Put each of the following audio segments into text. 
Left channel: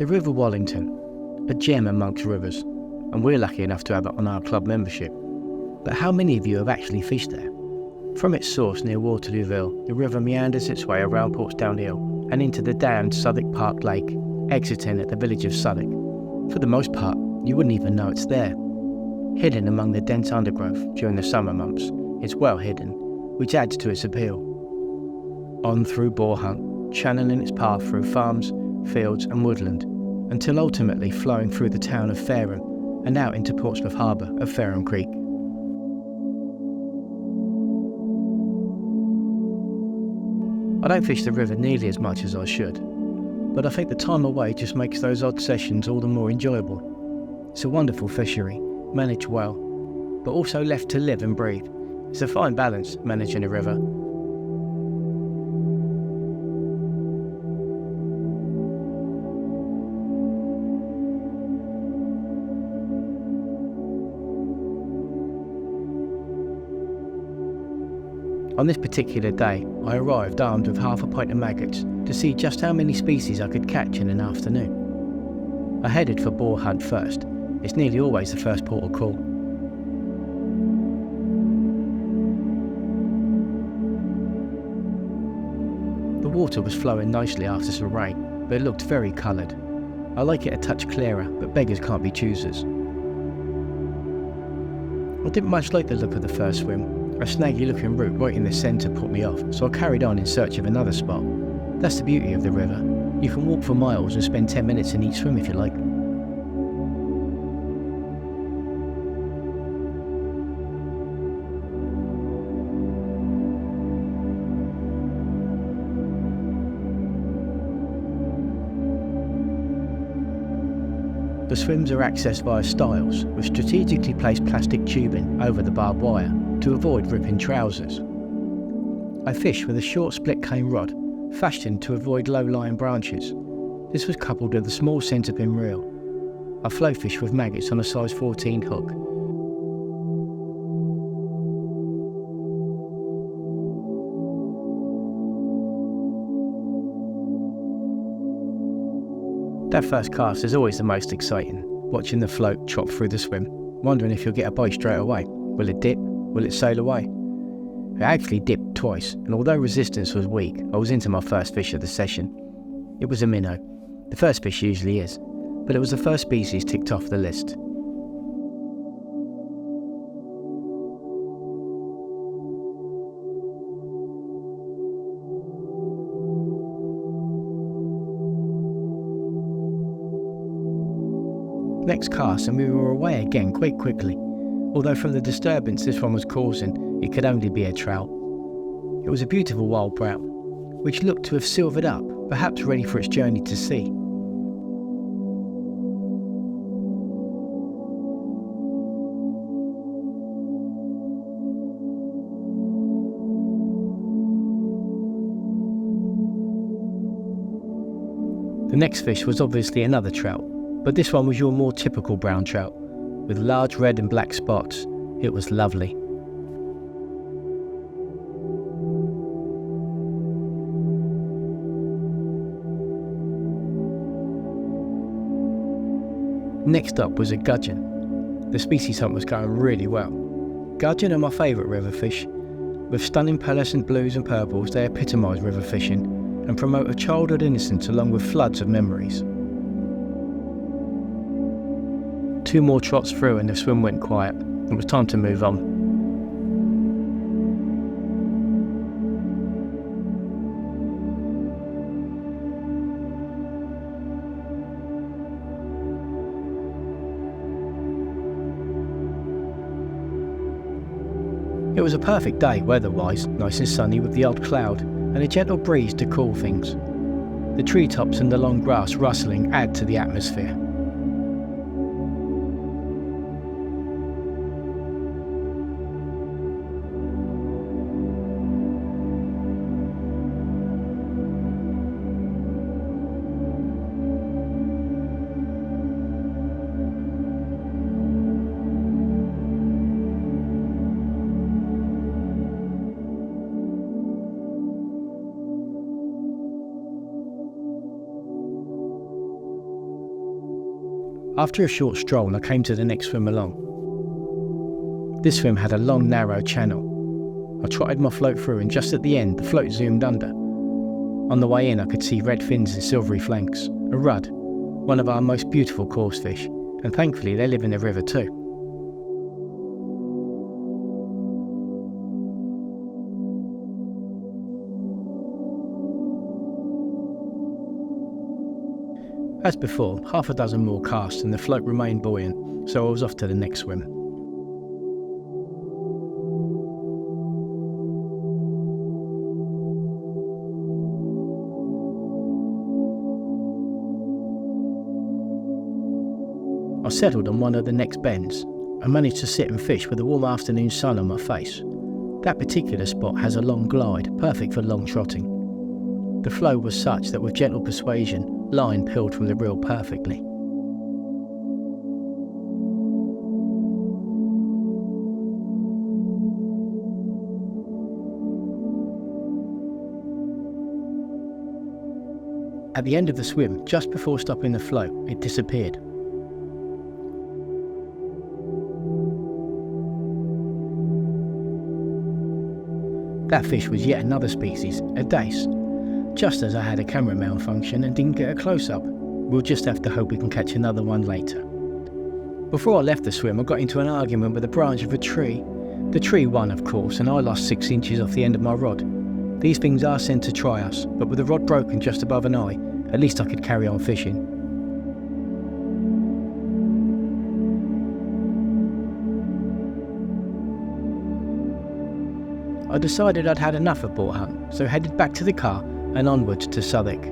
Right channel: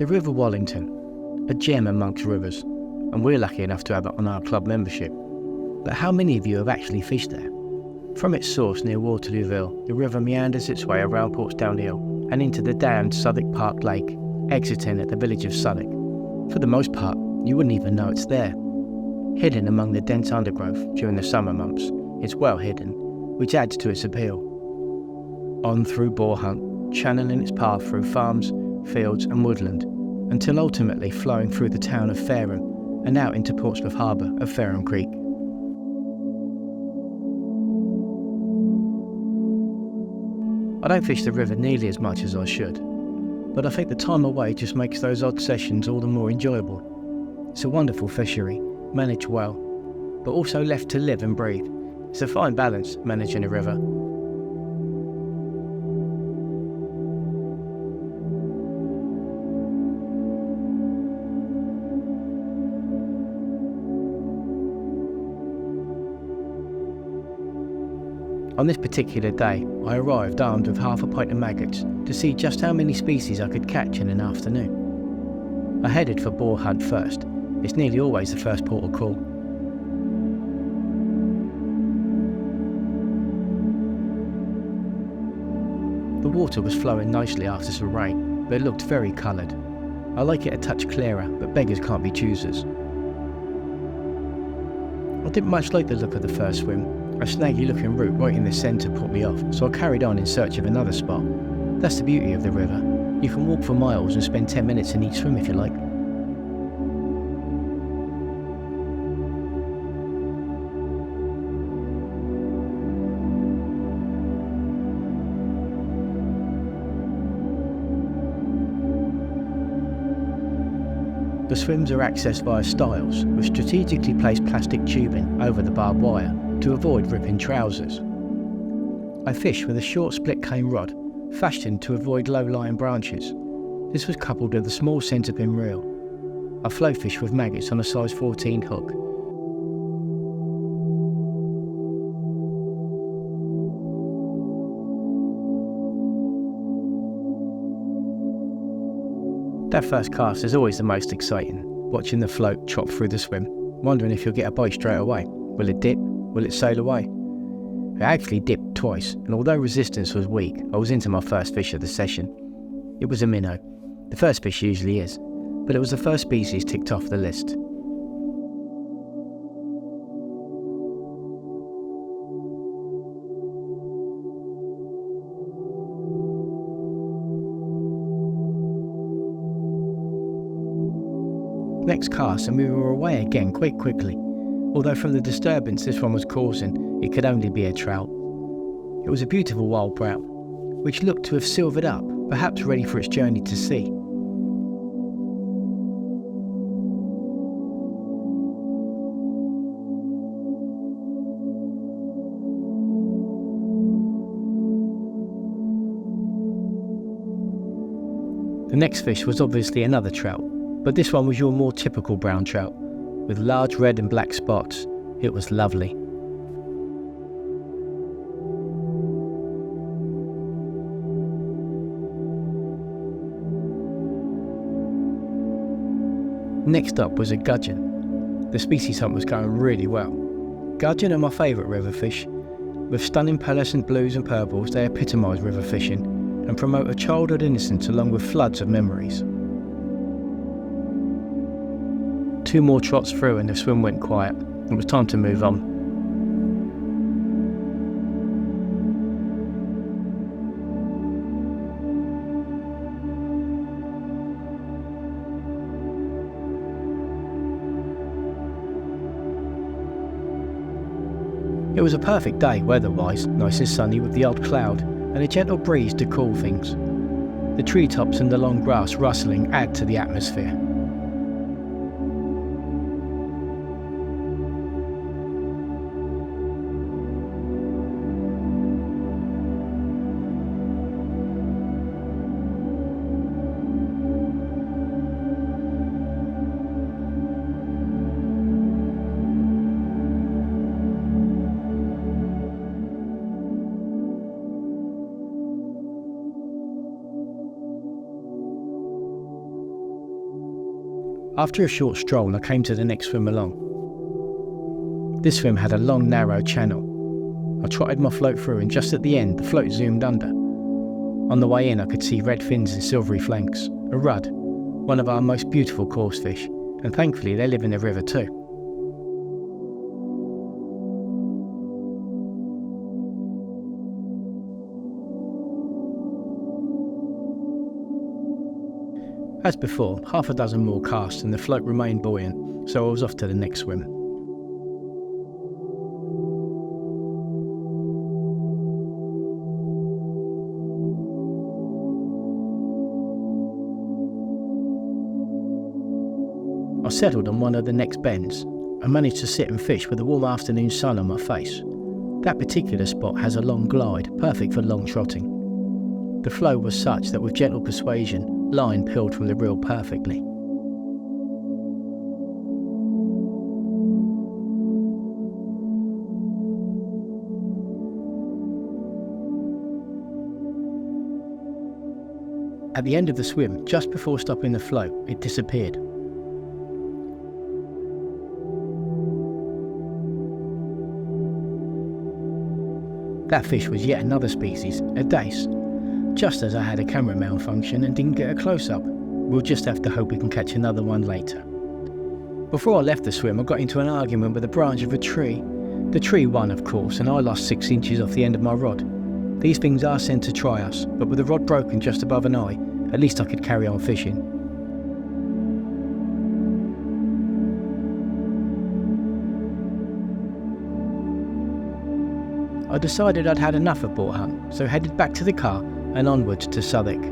The River Wallington, a gem amongst rivers, and we're lucky enough to have it on our club membership. But how many of you have actually fished there? From its source near Waterlooville, the river meanders its way around Portsdown Hill and into the dammed Southwick Park Lake, exiting at the village of Southwick. For the most part, you wouldn't even know it's there. Hidden among the dense undergrowth during the summer months, it's well hidden, which adds to its appeal. On through Boarhunt, channeling its path through farms, fields and woodland, until ultimately flowing through the town of Fareham and out into Portsmouth Harbour of Fareham Creek. I don't fish the river nearly as much as I should, but I think the time away just makes those odd sessions all the more enjoyable. It's a wonderful fishery, managed well, but also left to live and breathe. It's a fine balance, managing a river. On this particular day, I arrived armed with half a pint of maggots to see just how many species I could catch in an afternoon. I headed for Boarhunt first. It's nearly always the first port of call. The water was flowing nicely after some rain, but it looked very coloured. I like it a touch clearer, but beggars can't be choosers. I didn't much like the look of the first swim. A snaggy looking root right in the centre put me off, so I carried on in search of another spot. That's the beauty of the river. You can walk for miles and spend 10 minutes in each swim if you like. The swims are accessed via stiles with strategically placed plastic tubing over the barbed wire to avoid ripping trousers. I fish with a short split cane rod, fashioned to avoid low-lying branches. This was coupled with a small centerpin reel. I flow fish with maggots on a size 14 hook. That first cast is always the most exciting, watching the float chop through the swim, wondering if you'll get a bite straight away. Will it dip? Will it sail away? It actually dipped twice, and although resistance was weak, I was into my first fish of the session. It was a minnow. The first fish usually is, but it was the first species ticked off the list. Next cast and we were away again quite quickly, although from the disturbance this one was causing, it could only be a trout. It was a beautiful wild brown, which looked to have silvered up, perhaps ready for its journey to sea. The next fish was obviously another trout, but this one was your more typical brown trout, with large red and black spots. It was lovely. Next up was a gudgeon. The species hunt was going really well. Gudgeon are my favourite river fish. With stunning pearlescent blues and purples, they epitomise river fishing and promote a childhood innocence along with floods of memories. 2 more trots through and the swim went quiet. It was time to move on. It was a perfect day weather-wise, nice and sunny with the odd cloud and a gentle breeze to cool things. The treetops and the long grass rustling add to the atmosphere. After a short stroll, I came to the next swim along. This swim had a long, narrow channel. I trotted my float through, and just at the end, the float zoomed under. On the way in, I could see red fins and silvery flanks, a rudd, one of our most beautiful coarse fish, and thankfully they live in the river too. As before, half a dozen more casts and the float remained buoyant, so I was off to the next swim. I settled on one of the next bends and managed to sit and fish with the warm afternoon sun on my face. That particular spot has a long glide, perfect for long trotting. The flow was such that with gentle persuasion, line peeled from the reel perfectly. At the end of the swim, just before stopping the float, it disappeared. That fish was yet another species, a dace. Just as I had a camera malfunction and didn't get a close-up. We'll just have to hope we can catch another one later. Before I left the swim, I got into an argument with a branch of a tree. The tree won, of course, and I lost 6 inches off the end of my rod. These things are sent to try us, but with the rod broken just above an eye, at least I could carry on fishing. I decided I'd had enough of Boarhunt, so headed back to the car and onwards to Southwick.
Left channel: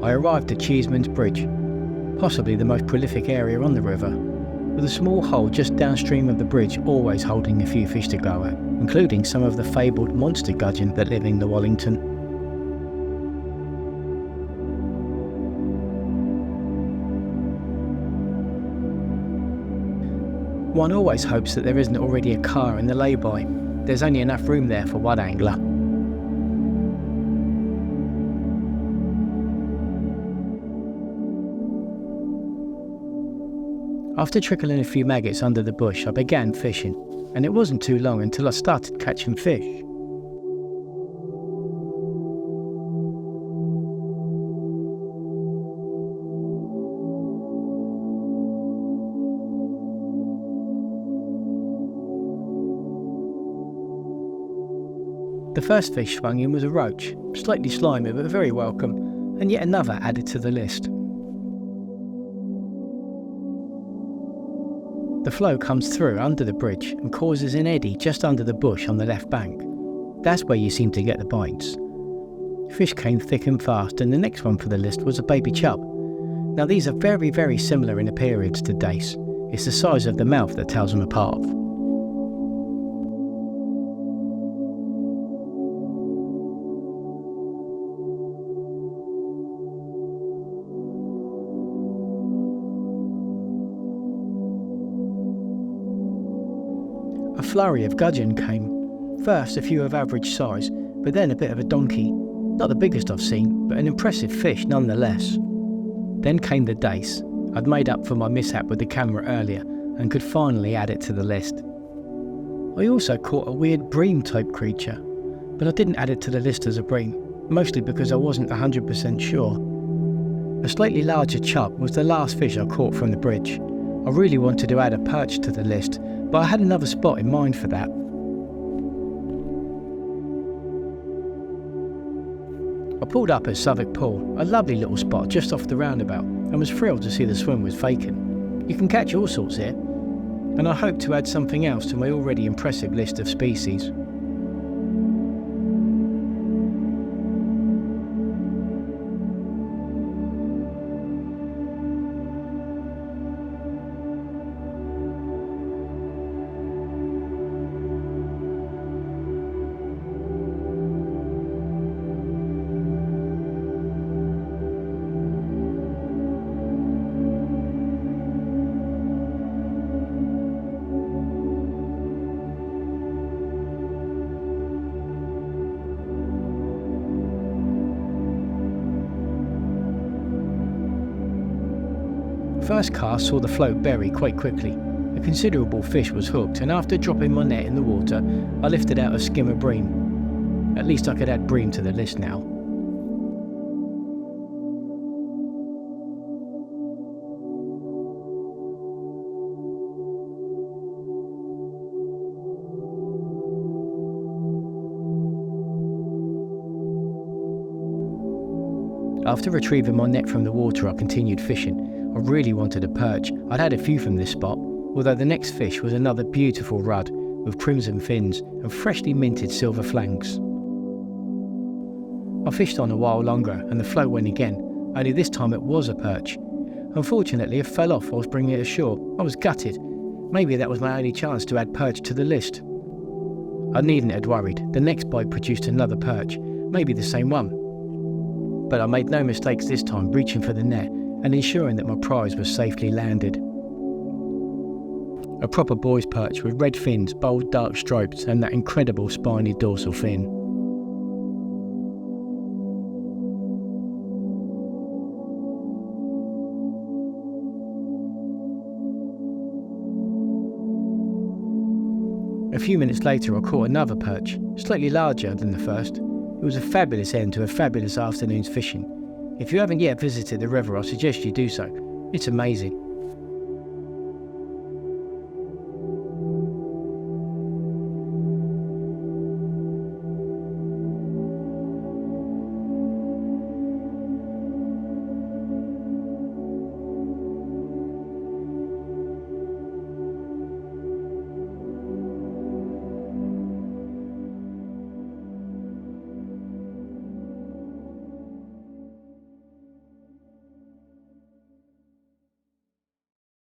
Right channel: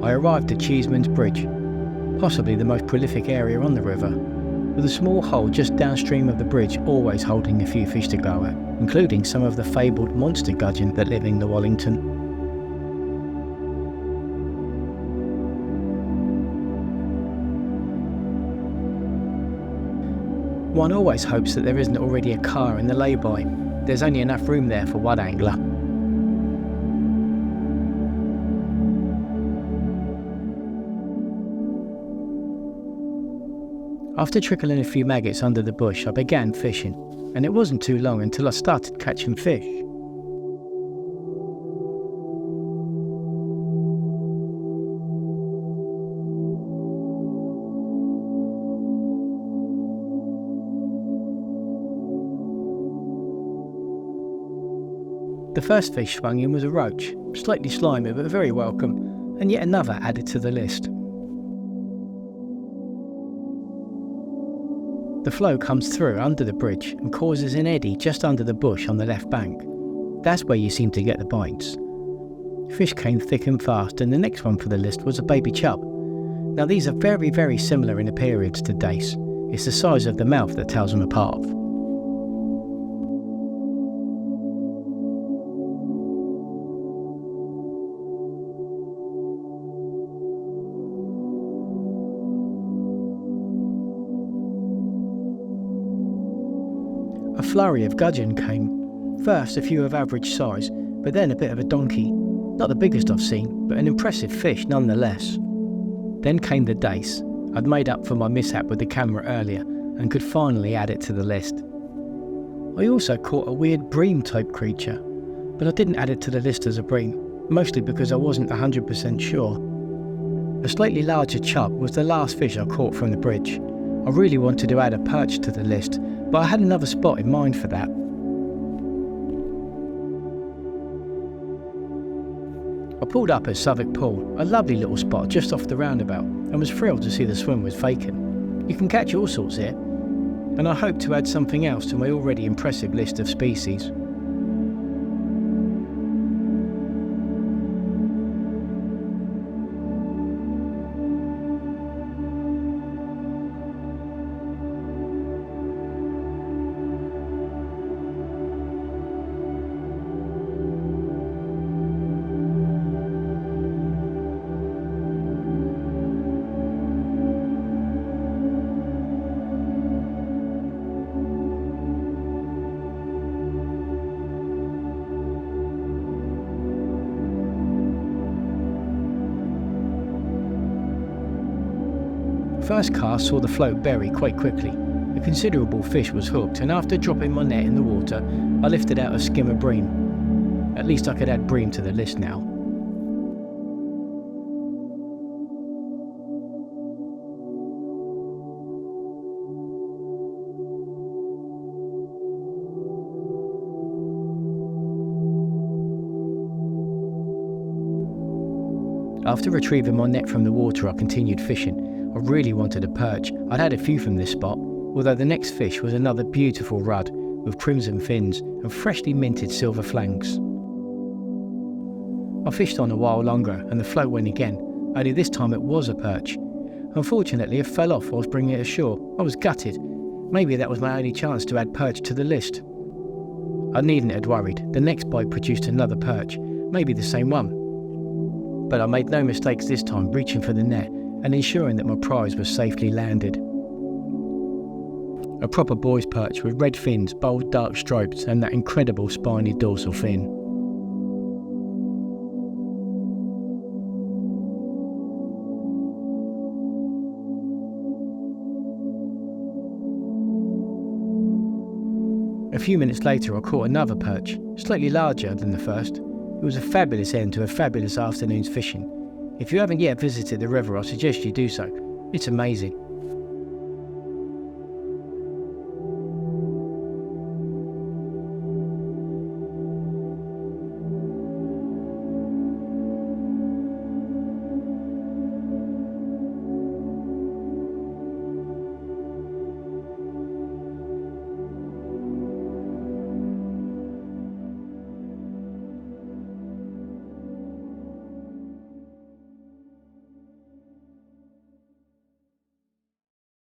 I arrived at Cheeseman's Bridge, possibly the most prolific area on the river, with a small hole just downstream of the bridge always holding a few fish to go at, including some of the fabled monster gudgeon that live in the Wallington. One always hopes that there isn't already a car in the lay-by. There's only enough room there for one angler. After trickling a few maggots under the bush, I began fishing, and it wasn't too long until I started catching fish. The first fish swung in was a roach, slightly slimy but very welcome, and yet another added to the list. The flow comes through under the bridge and causes an eddy just under the bush on the left bank. That's where you seem to get the bites. Fish came thick and fast, and the next one for the list was a baby chub. Now these are very, very similar in appearance to dace. It's the size of the mouth that tells them apart. A flurry of gudgeon came. First a few of average size, but then a bit of a donkey. Not the biggest I've seen, but an impressive fish nonetheless. Then came the dace. I'd made up for my mishap with the camera earlier and could finally add it to the list. I also caught a weird bream type creature, but I didn't add it to the list as a bream, mostly because I wasn't 100% sure. A slightly larger chub was the last fish I caught from the bridge. I really wanted to add a perch to the list, but I had another spot in mind for that. I pulled up at Southwick Pool, a lovely little spot just off the roundabout, and was thrilled to see the swim was vacant. You can catch all sorts here, and I hope to add something else to my already impressive list of species. first cast saw the float bury quite quickly. A considerable fish was hooked, and after dropping my net in the water, I lifted out a skimmer bream. At least I could add bream to the list now. After retrieving my net from the water, I continued fishing. I really wanted a perch. I'd had a few from this spot, although the next fish was another beautiful rudd with crimson fins and freshly minted silver flanks. I fished on a while longer and the float went again, only this time it was a perch. Unfortunately, it fell off while I was bringing it ashore. I was gutted. Maybe that was my only chance to add perch to the list. I needn't have worried. The next bite produced another perch, maybe the same one. But I made no mistakes this time, reaching for the net and ensuring that my prize was safely landed. A proper boy's perch with red fins, bold dark stripes and that incredible spiny dorsal fin. A few minutes later I caught another perch, slightly larger than the first. It was a fabulous end to a fabulous afternoon's fishing. If you haven't yet visited the river, I suggest you do so. It's amazing.